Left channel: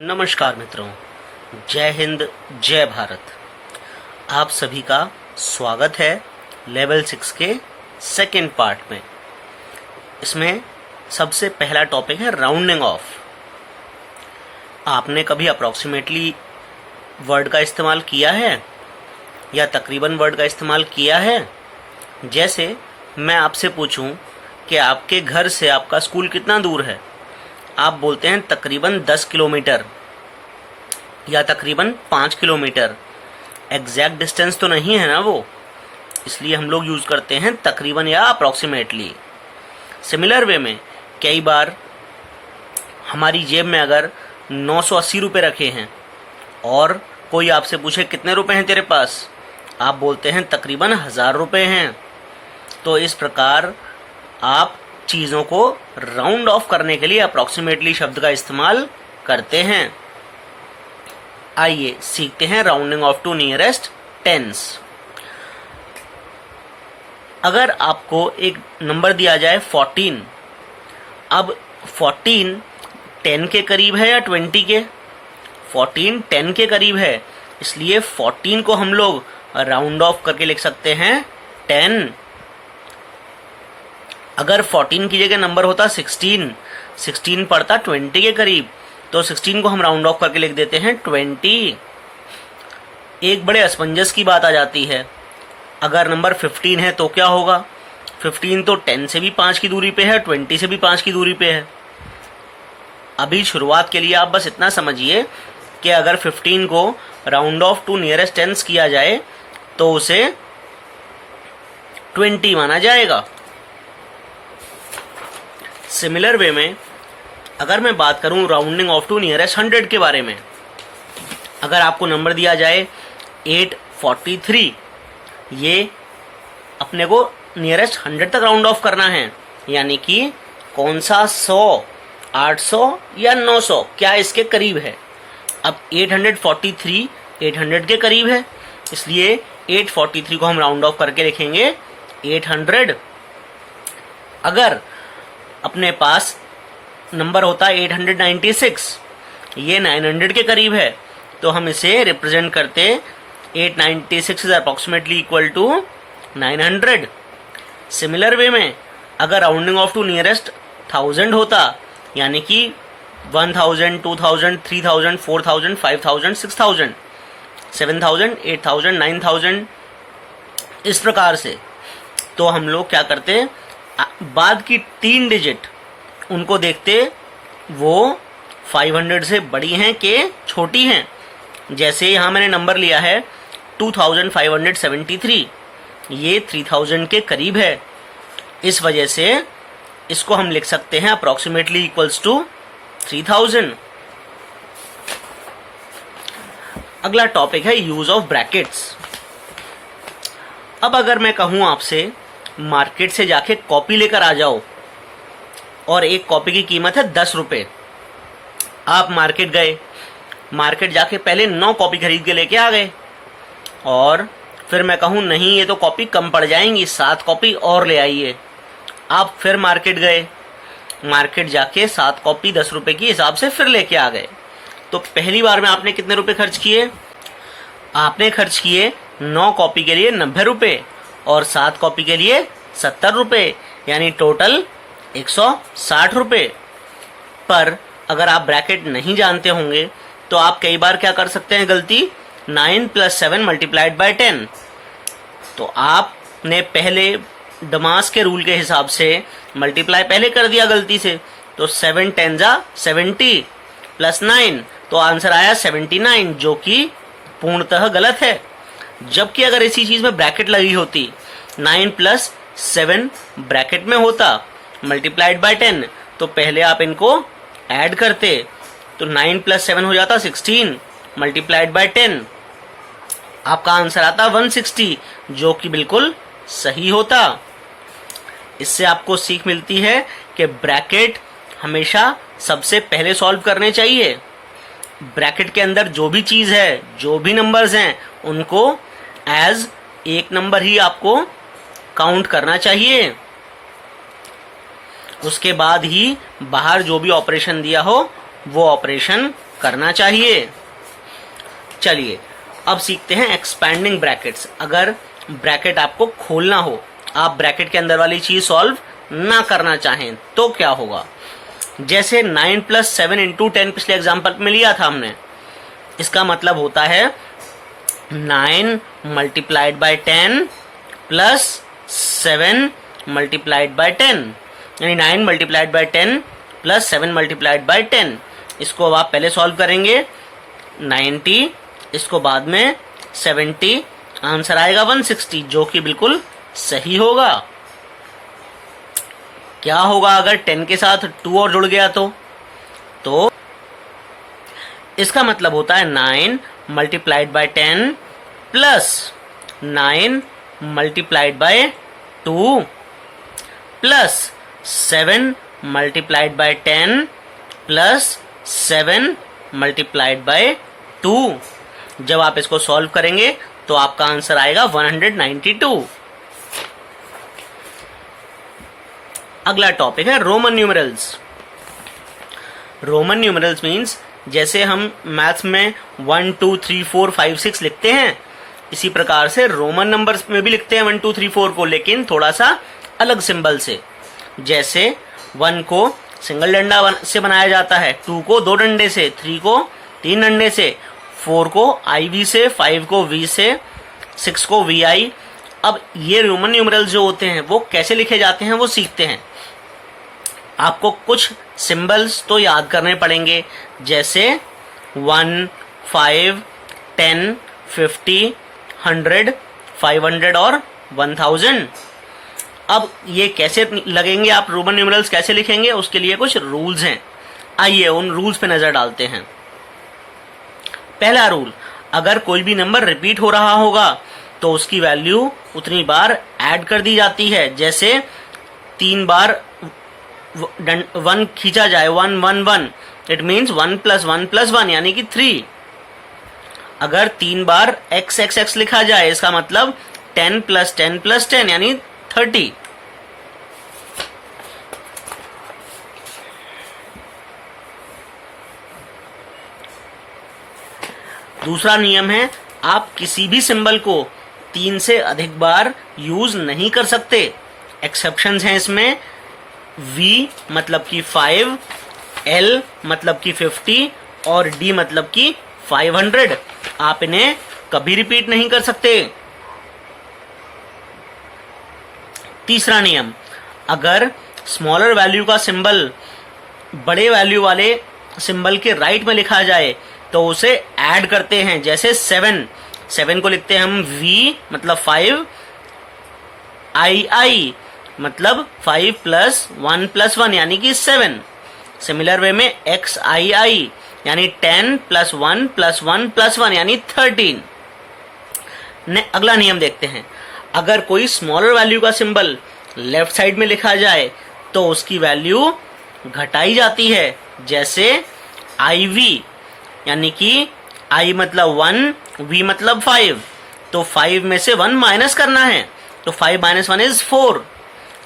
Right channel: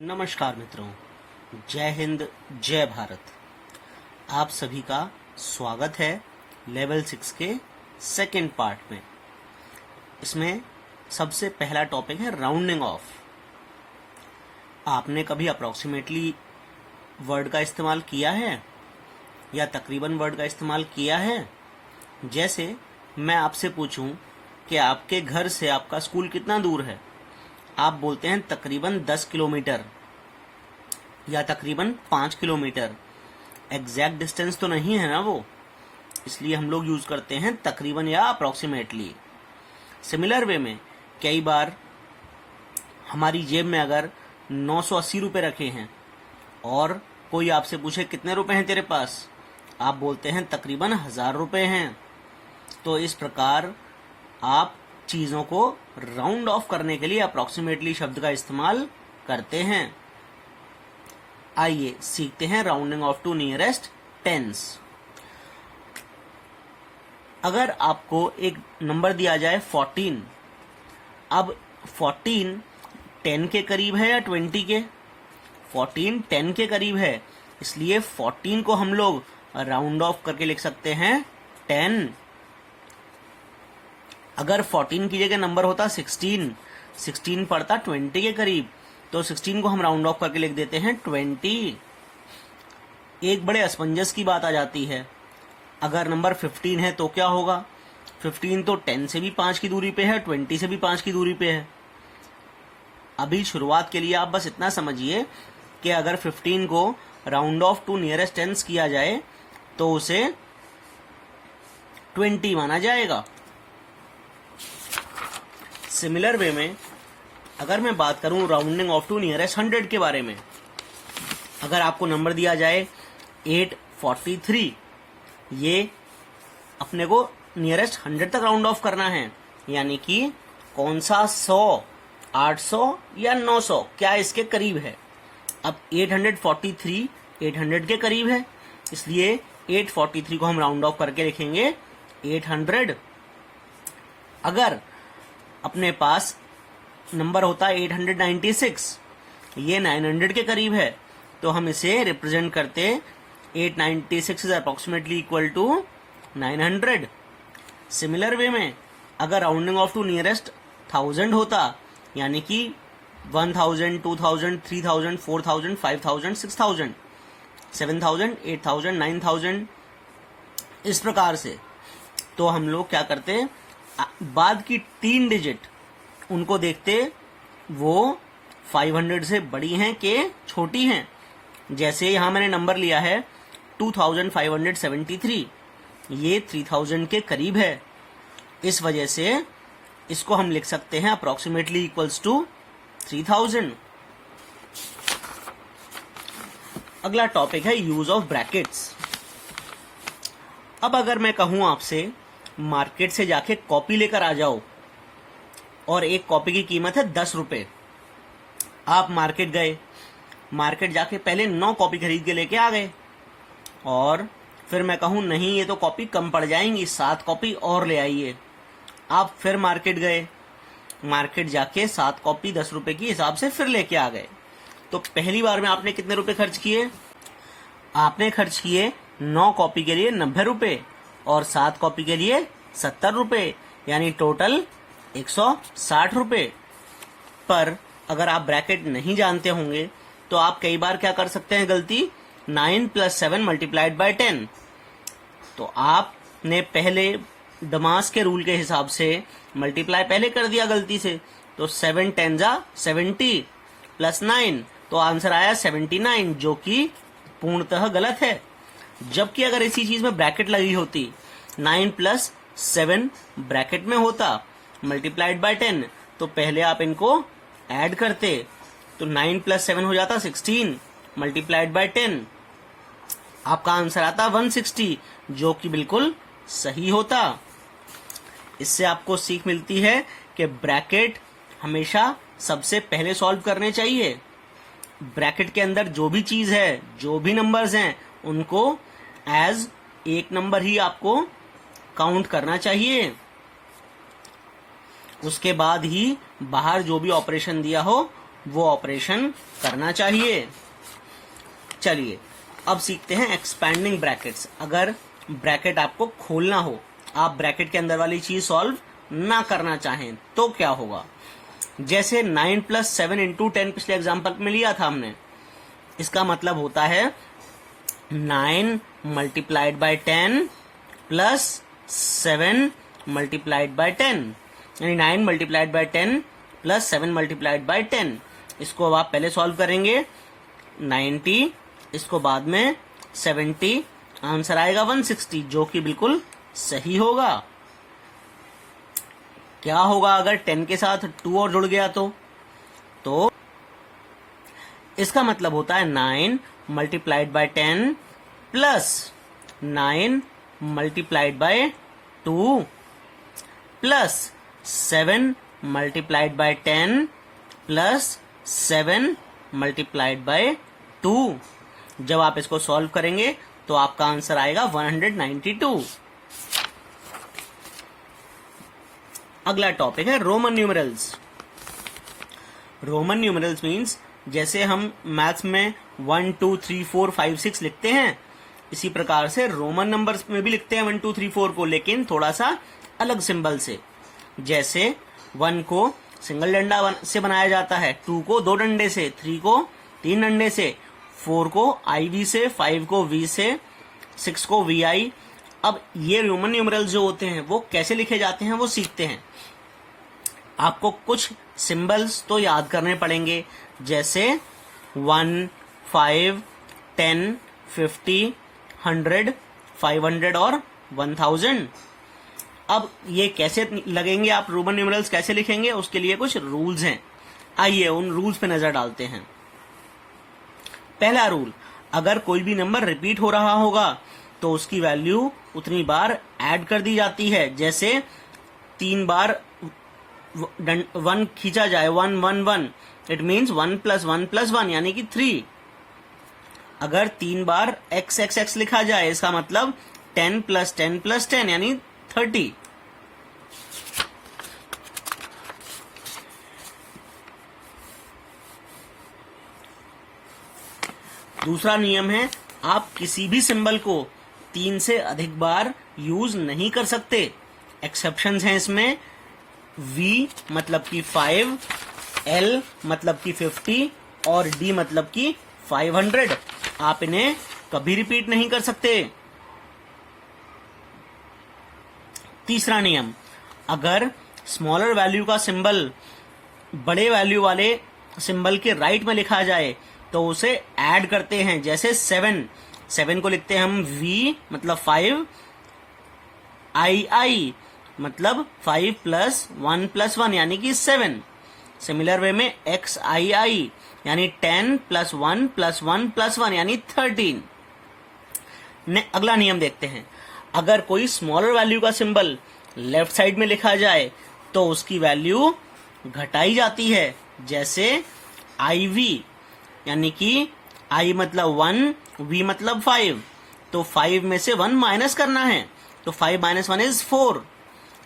नमस्कार मित्रों, जय हिंद, जय भारत। आप सभी का स्वागत है लेवल 6 के सेकेंड पार्ट में। इसमें सबसे पहला टॉपिक है राउंडिंग ऑफ। आपने कभी अप्रोक्सीमेटली वर्ड का इस्तेमाल किया है या तकरीबन वर्ड का इस्तेमाल किया है? जैसे मैं आपसे पूछूं कि आपके घर से आपका स्कूल कितना दूर है, आप बोलते हैं तकरीबन 10 किलोमीटर या तकरीबन 5 किलोमीटर। एग्जैक्ट डिस्टेंस तो नहीं है ना वो, इसलिए हम लोग यूज करते हैं तकरीबन या अप्रोक्सीमेटली। सिमिलर वे में कई बार हमारी जेब में अगर 980 रुपये रखे हैं और कोई आपसे पूछे कितने रुपए हैं तेरे पास, आप बोलते हैं तकरीबन 1000 रुपये हैं। तो इस प्रकार आप चीज़ों को राउंड ऑफ करने के लिए अप्रोक्सीमेटली शब्द का इस्तेमाल करते हैं। आइए सीखते हैं rounding off to nearest tens. अगर आपको एक नंबर दिया जाए 14, अब 14 10 के करीब है या 20 के? 14 10 के करीब है, इसलिए 14 को हम लोग राउंड ऑफ करके लिख सकते हैं 10। अगर 14 की जगह नंबर होता 16 पड़ता 20 के करीब, तो 16 को हम राउंड ऑफ करके लिख देते हैं 20। एक बड़े असमंजस की बात आ जाती है, अगर नंबर 15 है तो क्या होगा? 15 तो 10 से भी 5 की दूरी पे है, 20 से भी 5 की दूरी पे है। अभी शुरुआत के लिए आप बस इतना समझिए कि अगर 15 को round off to nearest tens किया जाए तो उसे 20 माना जाएगा। सिमिलर वे में अगर मैं बात करूं राउंडिंग ऑफ टू नियरेस्ट 100 के बारे में, अगर आपको नंबर दिया जाए 843, ये अपने को नियरेस्ट 100 तक राउंड ऑफ करना है, यानी कि कौन सा 100, 800 या 900 क्या इसके करीब है। अब 843 800 के करीब है, इसलिए 843 को हम राउंड ऑफ करके लिखेंगे 800। अगर अपने पास नंबर होता है 896, ये 900 के करीब है, तो हम इसे रिप्रेजेंट करते 896 is approximately equal to 900। Similar way में अगर राउंडिंग ऑफ टू नियरेस्ट 1000 होता, यानी कि 1000, 2000, 3000, 4000, 5000, 6000, 7000, 8000, 9000, इस प्रकार से, तो हम लोग क्या करते, बाद की 3 डिजिट उनको देखते वो 500 से बड़ी हैं कि छोटी हैं। जैसे यहां मैंने नंबर लिया है 2573, ये 3000 के करीब है, इस वजह से इसको हम लिख सकते हैं अप्रोक्सीमेटली इक्वल्स टू 3000। अगला टॉपिक है यूज ऑफ ब्रैकेट्स। अब अगर मैं कहूं आपसे मार्केट से जाके कॉपी लेकर आ जाओ और एक कॉपी की कीमत है 10 रुपए, आप मार्केट गए, मार्केट जाके पहले 9 कॉपी खरीद के लेके आ गए, और फिर मैं कहूं नहीं ये तो कॉपी कम पड़ जाएंगी, 7 कॉपी और ले आइए। आप फिर मार्केट गए, मार्केट जाके 7 कॉपी 10 रुपए की हिसाब से फिर लेके आ गए, तो पहली बार में आपने कितने रुपए खर्च किए? आपने खर्च किए 9 कॉपी के लिए 90 रुपए और 7 कॉपी के लिए 70 रुपए, यानी टोटल 160 रुपए। पर अगर आप ब्रैकेट नहीं जानते होंगे तो आप कई बार क्या कर सकते हैं गलती, 9 + 7 मल्टीप्लाइड बाय 10। तो आपने पहले डमास के रूल के हिसाब से मल्टीप्लाई पहले कर दिया गलती से, तो 7 10 जा 70 + 9, तो आंसर आया 79, जो कि पूर्णतः गलत है। जबकि अगर इसी चीज में ब्रैकेट लगी होती, 9 + 7 ब्रैकेट में होता मल्टीप्लाइड बाय 10, तो पहले आप इनको ऐड करते, तो 9 + 7 हो जाता 16 मल्टीप्लाइड बाय 10, आपका आंसर आता 160, जो कि बिल्कुल सही होता। इससे आपको सीख मिलती है कि ब्रैकेट हमेशा सबसे पहले सॉल्व करने चाहिए। ब्रैकेट के अंदर जो भी चीज है, जो भी नंबर्स हैं, उनको एज एक नंबर ही आपको काउंट करना चाहिए। उसके बाद ही बाहर जो भी ऑपरेशन दिया हो वो ऑपरेशन करना चाहिए। चलिए अब सीखते हैं एक्सपैंडिंग ब्रैकेट्स। अगर ब्रैकेट आपको खोलना हो, आप ब्रैकेट के अंदर वाली चीज सॉल्व ना करना चाहें तो क्या होगा। जैसे 9 + 7 × 10 पिछले एग्जाम्पल में लिया था हमने, इसका मतलब होता है 9 × 10 + 7 × 10, यानी 9 × 10 + 7 × 10। इसको अब आप पहले सॉल्व करेंगे 90, इसको बाद में 70, आंसर आएगा 160, जो कि बिल्कुल सही होगा। क्या होगा अगर 10 के साथ 2 और जुड़ गया तो इसका मतलब होता है 9 × 10 + 9 × 2 + 7 × 10 + 7 × 2। जब आप इसको सॉल्व करेंगे तो आपका आंसर आएगा 192। अगला टॉपिक है Roman numerals. Roman numerals means जैसे हम मैथ्स में 1 2 3 4 5 6 लिखते हैं, इसी प्रकार से रोमन नंबर्स में भी लिखते हैं 1 2 3 4 को, लेकिन थोड़ा सा अलग सिंबल से। जैसे 1 को सिंगल डंडा से बनाया जाता है, 2 को 2 डंडे से, 3 को 3 डंडे से, 4 को IV से, 5 को V से, 6 को VI। अब ये रोमन न्यूमरल्स जो होते हैं वो कैसे लिखे जाते हैं वो सीखते हैं। आपको कुछ सिंबल्स तो याद करने पड़ेंगे, जैसे 1 5 10 50 100 500 और 1000। अब ये कैसे लगेंगे, आप रोमन न्यूमरल्स कैसे लिखेंगे, उसके लिए कुछ रूल्स हैं। आइए उन रूल्स पे नजर डालते हैं। पहला रूल, अगर कोई भी नंबर रिपीट हो रहा होगा तो उसकी वैल्यू उतनी बार ऐड कर दी जाती है। जैसे 3 बार 1 खींचा जाए, 1 1 1, इट मीन्स 1 + 1 + 1 यानी कि 3। अगर 3 बार x x x लिखा जाए, इसका मतलब 10 + 10 + 10 यानी 30। दूसरा नियम है, आप किसी भी सिंबल को 3 से अधिक बार यूज नहीं कर सकते। एक्सेप्शंस हैं इसमें, V मतलब कि 5, L मतलब कि 50 और D मतलब कि 500। आप इन्हें कभी रिपीट नहीं कर सकते। तीसरा नियम, अगर स्मॉलर वैल्यू का सिंबल बड़े वैल्यू वाले सिंबल के राइट में लिखा जाए तो उसे ऐड करते हैं। जैसे 7 को लिखते हैं हम V मतलब 5, II मतलब 5 + 1 + 1 यानी कि 7। सिमिलर वे में XII यानी 10 + 1 + 1 + 1 यानी 13। अगला नियम देखते हैं, अगर कोई स्मॉलर वैल्यू का सिंबल लेफ्ट साइड में लिखा जाए तो उसकी वैल्यू घटाई जाती है। जैसे IV यानी कि I मतलब 1, V मतलब 5, तो 5 में से 1 माइनस करना है, तो 5 - 1 = 4।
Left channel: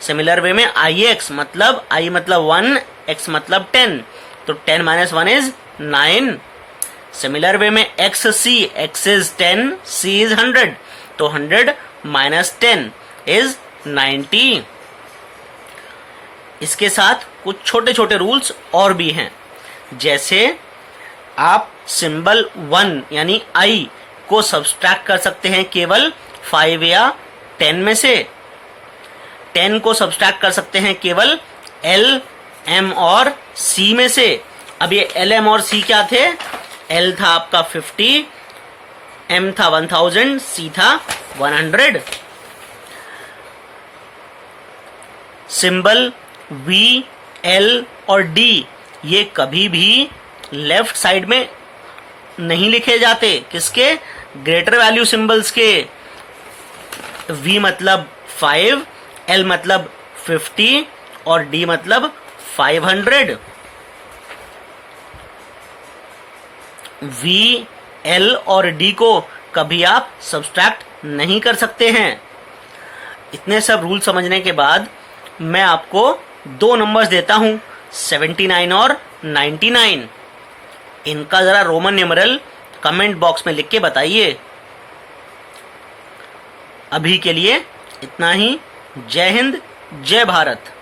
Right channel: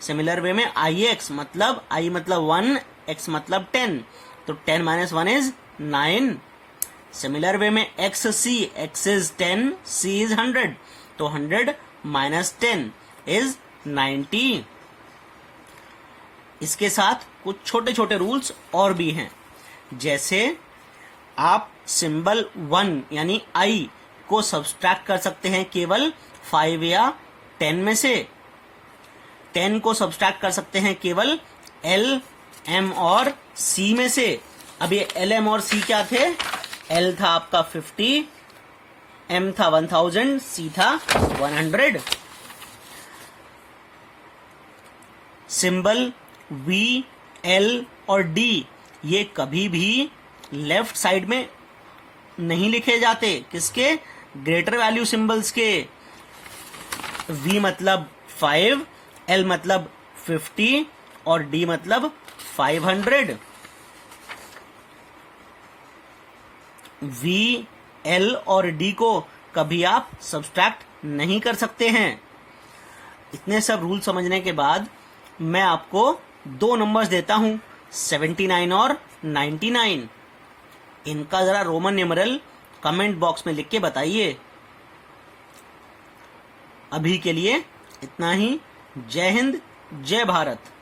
सिमिलर वे में IX मतलब I मतलब 1, X मतलब 10, तो 10 - 1 = 9। सिमिलर वे में XC, X is 10, C is 100, तो 100 - 10 is 90। इसके साथ कुछ छोटे छोटे रूल्स और भी हैं। जैसे आप सिंबल 1 यानी I को सब्सट्रैक्ट कर सकते हैं केवल 5 या 10 में से। 10 को सब्सट्रैक्ट कर सकते हैं केवल L, M और C में से। अब ये L, M और C क्या थे? L था आपका 50, M था 1000, C था 100। सिंबल V, L और D ये कभी भी लेफ्ट साइड में नहीं लिखे जाते। किसके? ग्रेटर वैल्यू सिंबल्स के। V मतलब 5, L मतलब 50 और D मतलब 500। V, L और D को कभी आप सब्सट्रैक्ट नहीं कर सकते हैं। इतने सब रूल समझने के बाद मैं आपको 2 नंबर्स देता हूं, 79 और 99। इनका जरा रोमन न्यूमेरल कमेंट बॉक्स में लिख के बताइए। अभी के लिए इतना ही। जय हिंद, जय भारत।